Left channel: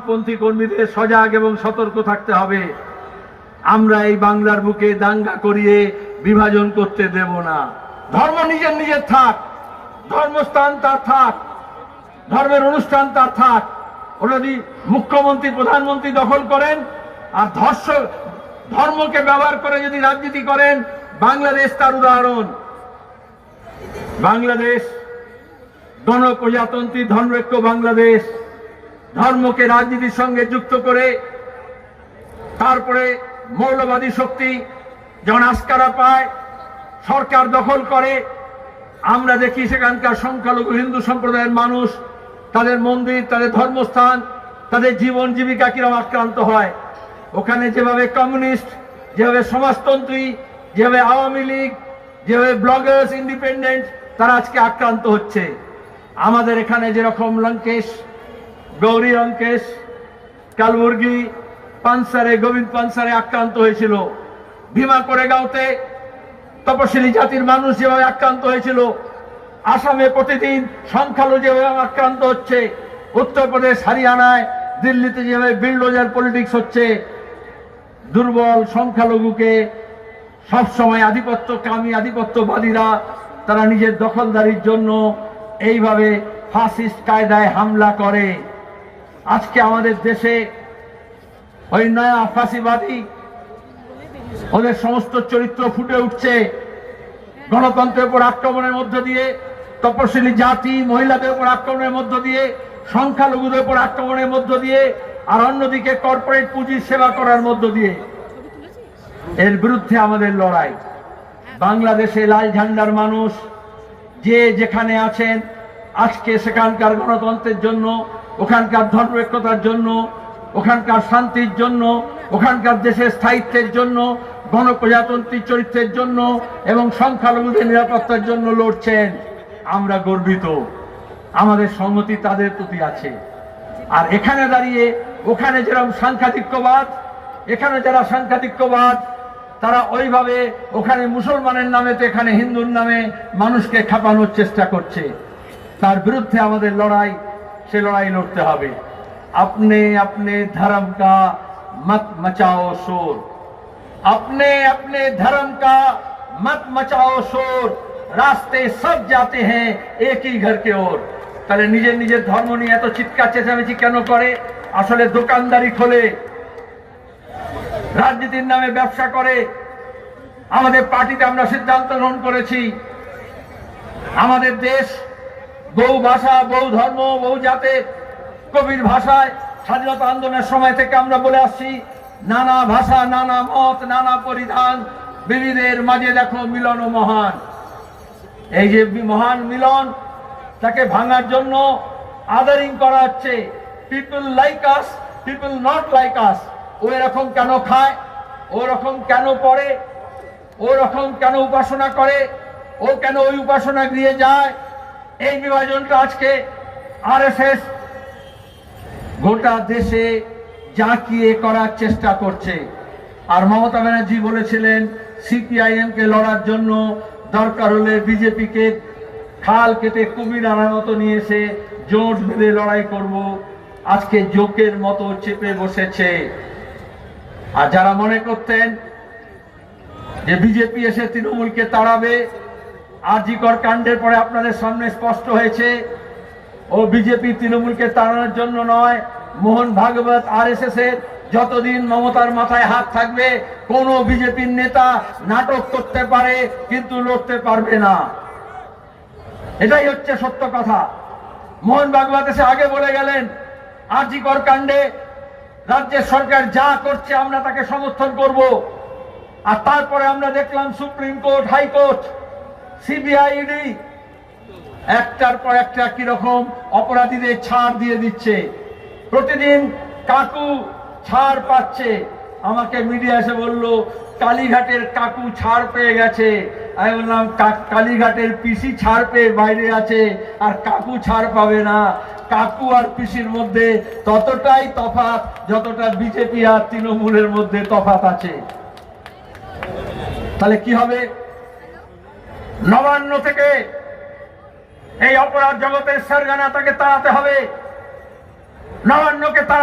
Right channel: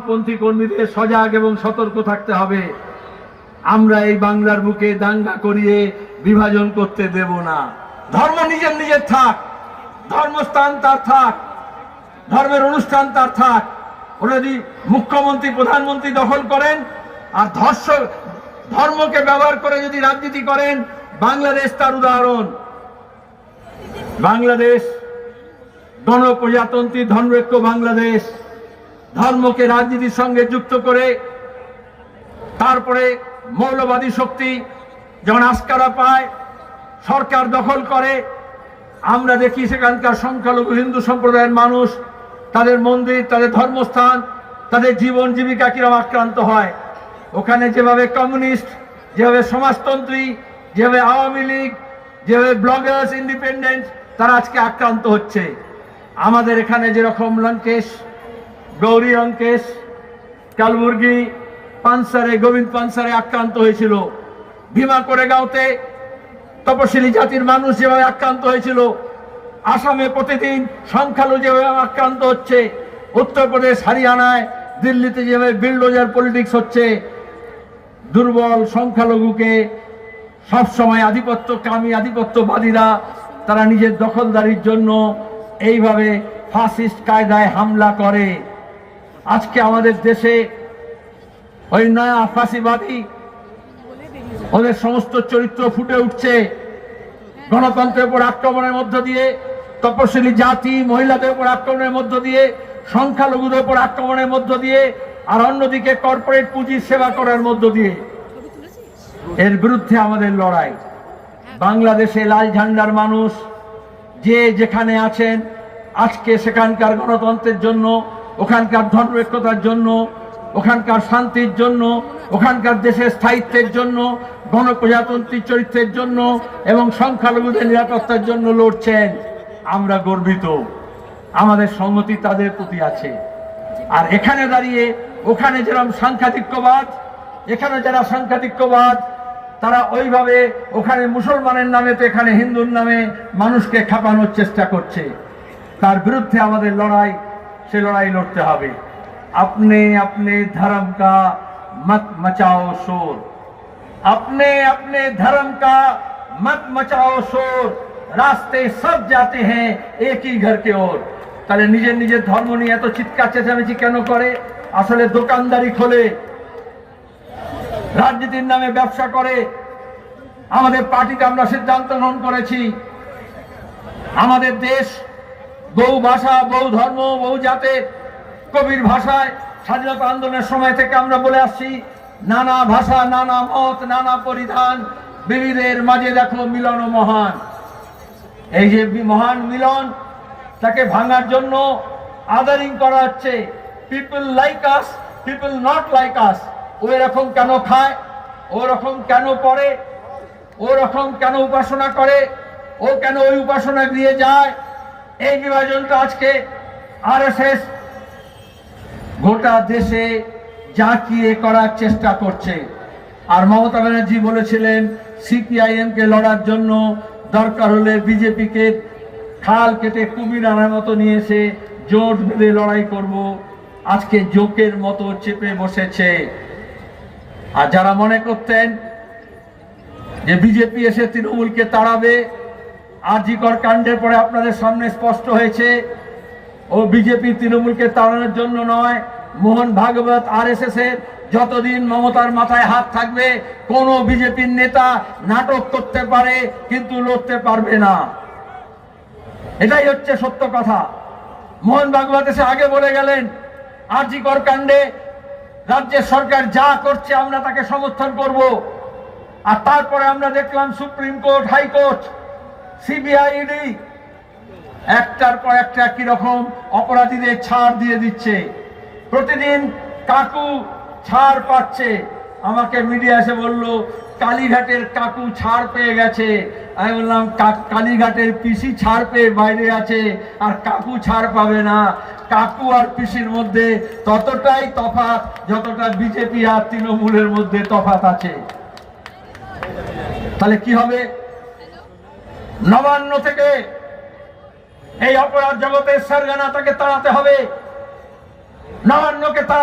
পন্থী কর্মীদের সজাগ এবং সতর্ক থাকতে হবে। আমরা এই বাংলার বুকে দাঙ্গা করিয়ে বিভাজন করতে দেব না। ধর্ম নিজের নিজের থাক, ধর্মস্থান তার থাক, ধর্মের অনুষ্ঠান তার থাক। ওটা যদি মুখ্যমন্ত্রী, প্রধানমন্ত্রী দখল করেন আর ধর্ষ, ধর্মকে ব্যবহার করে যদি রাজনীতি করেন, বাংলাদেশ তার উদাহরণ। বাংলাদেশ গণপ্রজাতন্ত্রী ধর্মৈক্য বাংলাদেশ। ধর্মকে রাজনীতির সঙ্গে যুক্ত করে, তারপরে মৌলবাদী শক্তি যখন আস্কারা পায়, সরকার দখল করে, আমরা দেখি সেখানকার সংখ্যালঘু হিন্দু সম্প্রদায়ের মানুষ, তাদের মন্দির, তাদের ধর্মস্থান, তাদের জীবন জীবিকা কিরম আক্রান্ত হয়। ওখানে যেভাবে কমিউনিস্ট, যেভাবে সমাজতন্ত্রী, যেভাবে আওয়ামী লীগ, যেভাবে ব্লগার্স, ইন্ডিপেন্ডেন্ট, তারা আজকে আক্রান্ত হচ্ছে। আমাদের এখানে যেরকম লঙ্কেশ গৌরী লঙ্কেশ কালবুর্গি পানসারে, গোবিন্দ পানসারে আক্রান্ত হয়েছিল। ভীমা করে গাঁওতে তপশিলি জাতির মানুষ যেভাবে আক্রান্ত হয়েছিল, আসামে প্রতিদিন সংখ্যালঘু যেভাবে আক্রান্ত হচ্ছে, উত্তরপ্রদেশ, হরিয়ানায়, দিল্লিতে যেভাবে বিল্ডোজার পলিটিক্স হচ্ছে, দুর্বল সংখ্যালঘুকে সবসময় আধিপত্য কামী আধিপত্যবাদীরা, তারা নিজের দখলদারির জন্য এইভাবে ফাসিস্ট কায়দায় হামলা করে। আজকে আমাদের দেশে ওই নয়া ফাঁসিবাদী, ওদের সমস্ত চরিত্র ফুটে উঠছে। গণতন্ত্রের উপর আক্রমণের মধ্য দিয়ে, তপশিলি জাতি, মহিলাদের উপর আক্রমণের মধ্য দিয়ে, সংখ্যালঘুদের উপর আক্রমণের মধ্য দিয়ে, আর অন্যদিকে কর্পোরেট পুঁজির সেবা করার মধ্য দিয়ে। এর বিরুদ্ধে আমাদের লড়াই। বাংলাদেশে লাল ঝান্ডার মানুষ যে যেখানে আছেন, আজকে সেখানকার গণতন্ত্রের জন্য ওখানকার ধর্মৈক্যতার জন্য, ওখানকার শান্তির জন্য, ওখানকার দেশের স্থায়িত্বের জন্য, গণপ্রজাতন্ত্রী চরিত্রের জন্য এবং সংখ্যালঘুদের নিরাপত্তার জন্য লড়ছেন। আমরা গর্বিত। আমাদের সম্মতি তাদের প্রতি আছে। আর এখানে দাঁড়িয়ে, ওখানে যেরকম সাংখ্যাতিক্যবাদ এখানে যারা সাংখ্যাতিক্যবাদ তারা ওইভাবে ওখানে মুসলমানের নামে তো এখানে হিন্দুর নামে মানুষকে খাপানোর চেষ্টা করছে। তার বিরুদ্ধে আমাদের লড়াই সে লড়াই লড়তে হবে। আপনি আপনি ধর্ম কা মত মচাও শোর। আপনি আপনি ধর্ম কা মত মচাও শোর। রাস্তে সব যাতে হ্যাঁ একই ঘর কে ওর। তাহলে নিজের নিজের ধর্ম নিয়ে এত চিৎকার চেঁচামেচি কেন করে? আসলে দোকানদারি খোলে। রাজনীতির নামে ব্যবসা করে। আমাদের পার্টিতে আমরা সিদ্ধান্ত গ্রহণ করেছি। আমাদের দেশ বহু ভাষা, বহু ধর্ম, বহু জাতের কবির ভাষায় স্বাধীনতা আন্দোলনের সময় থেকে আমরা বলে আসছি, নানা ভাষা, নানা মত, নানা পরিধান, বিবিধের মাঝে দেখো মিলন ও মহান। এই যে মহান মিলন, তাকে ভাঙার জন্য আদারিং করা হচ্ছে। People like us people not like us ও এরকম কেন খায়? ও রকম কেন পড়ে? ও রকম কেন উপাসনা করে? ও কেন ওই উপাসনা গৃহে যায়? এই বিভাজনটা আজকে আরএসএস গোটা দেশে জাঁকিয়ে করার চেষ্টা করছে। আর মমতা ব্যানার্জি বলেছিলেন সিপিআইএম কে লড়ার জন্য দরকার হলে বিজেপিকে খাল কেটে কুমির আনার মতো নিয়ে এসে জোট বেঁধে লড়াই করব। আজকে জোকের মতো চেপে বসেছে। আর যারা মনে করতেন যে বিজেপি এসে তৃণমূলকে তাড়াবে আরজিকর কাণ্ডের পরে আপনাদের সামনে স্পষ্ট হয়েছে, ও বিজেপি তৃণমূলকে তাড়ানোর জন্য নয়, মোহন ভাগবত আর এস এর যতদিন মমতার মাথায় হাত থাকবে, কোন বিজেপির নেতা নাটক করতে পারে, কিন্তু লড়তে পারবে না। এটাই হচ্ছে সত্য কথা। মোহন ভাগবত এসে আগে বলে গেলেন আরজিকর কাণ্ডে রাজ্যের সরকার যা করছে আমরা তাকে সমর্থন করব। আর তারপরে আমরা দেখলাম supreme court, high court CBI ED একটার পর একটা কীরকম অপরাধীদের ছাড় দিয়ে দিচ্ছে। প্রতিদিন কাকু ছাড় পাচ্ছে। আমাকে মিডিয়া এসে বলল, কালীঘাটের কাকু ছাড় পেয়ে গেছে। আমি বললাম কালীঘাটের পিসি ছাড় পেয়ে বাইরে আছে, আর কাকু ছাড় পাবে না। কাকু আর পিসির মধ্যে ততটাই তফাৎ যতটা বিজেপি আর তৃণমূলের মধ্যে তফাৎ আছে। তাহলে কি হবে? নবান্ন থেকে এই অপরাধ জগতের সেরগানা তাকে তাড়াতে হবে। নবান্নকে তাড়া